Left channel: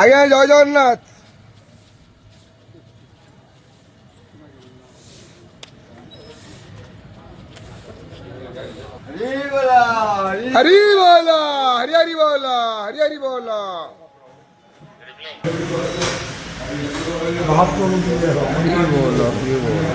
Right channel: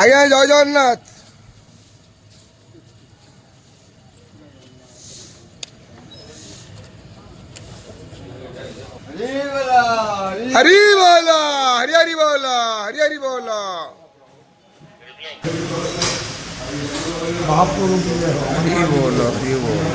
ଆଜ୍ଞା ଜୟ ଜଗନ୍ନାଥ। हरी बोला हरी हरी बोला हरी हरी बोला। हरी बोलो हरी बोलो।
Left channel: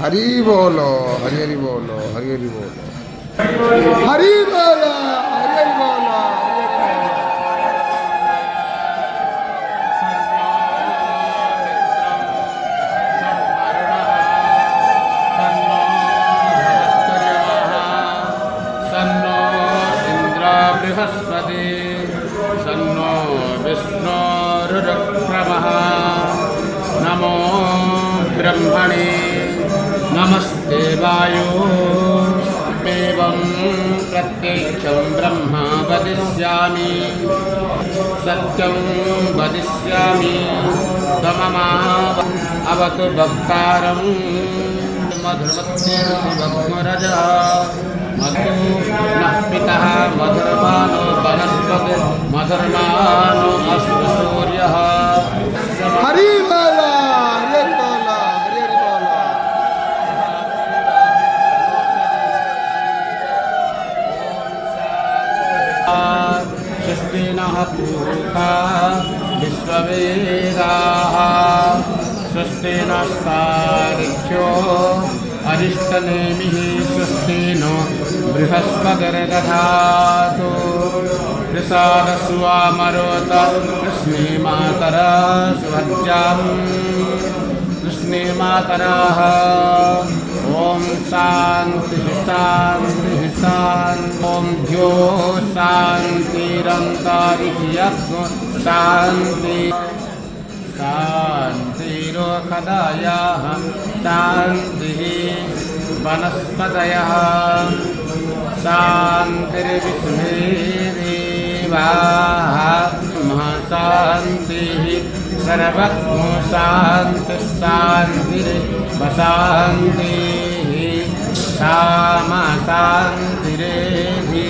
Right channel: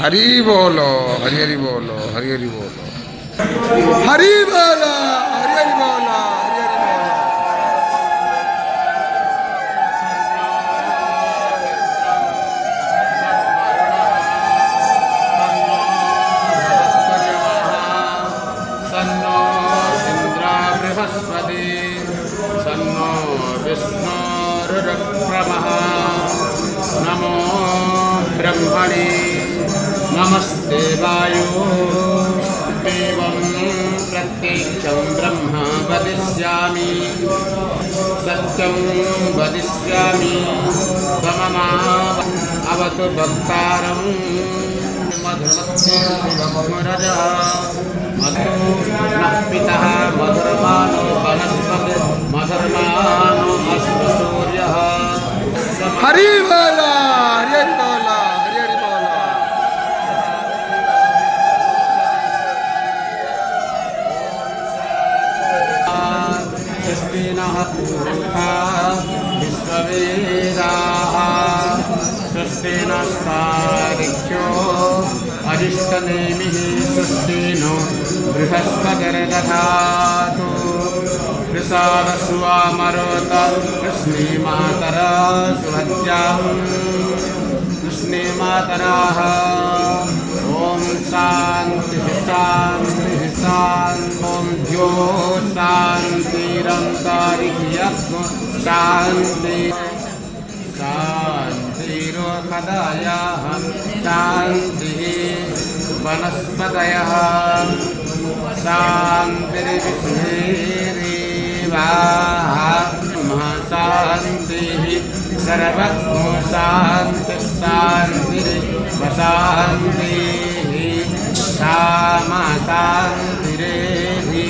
हरी बोलो हरी हरी बोलो हरी हरी बोलो हरी बोलो हरी हरी बोलो हरी हरी बोलो। नमो ब्रह्मणे नमस्ते वायो देवं प्रत्यक्षं ब्रह्म वदिष्यामि सत्यं वदिष्यामि तममा अवतु भक्तारं मधुरजा पितः मधुरवान् वनस्पति मधुरनान् अस्तु सूर्यः। हरी बोला हरी हरी बोला हरी हरी बोला। सृष्टिनः पूर्वा विश्ववेदाः सृष्टिनस्तारिख्यो अरिष्टनेमिः सृष्टिनो बृहस्पतिर्दधातु कृषारसुवामरोत कृष्णीमातरा सुहत्याम् कृष्णीमातराः ॐ शान्तिः शान्तिः शान्तिं ध्यो शान्तिरन्तारिह्यः शान्ति शान्तिरोकदायाः शान्तिः वनस्पतयः शान्तिर्विष्णुर्देवाः शान्तिः सर्वत्र शान्तिः शान्तिर्शान्तिः क्षमा शान्तिरेधि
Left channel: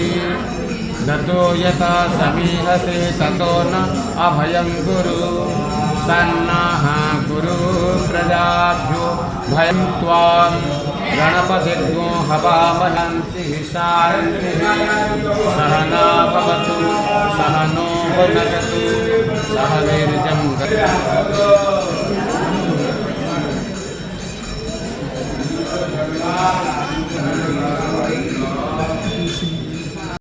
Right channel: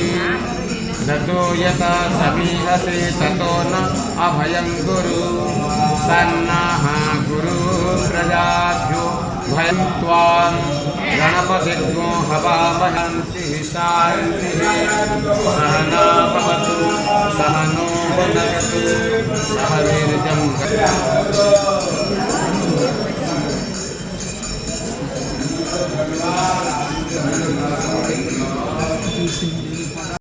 गतो यथा समीहसे ततो न अभयं कुरु सन्नः गुरु प्रजाभ्यो भयं त्वां गणपतिर्नो हवामहन्ति शान्तिः सहना भवतु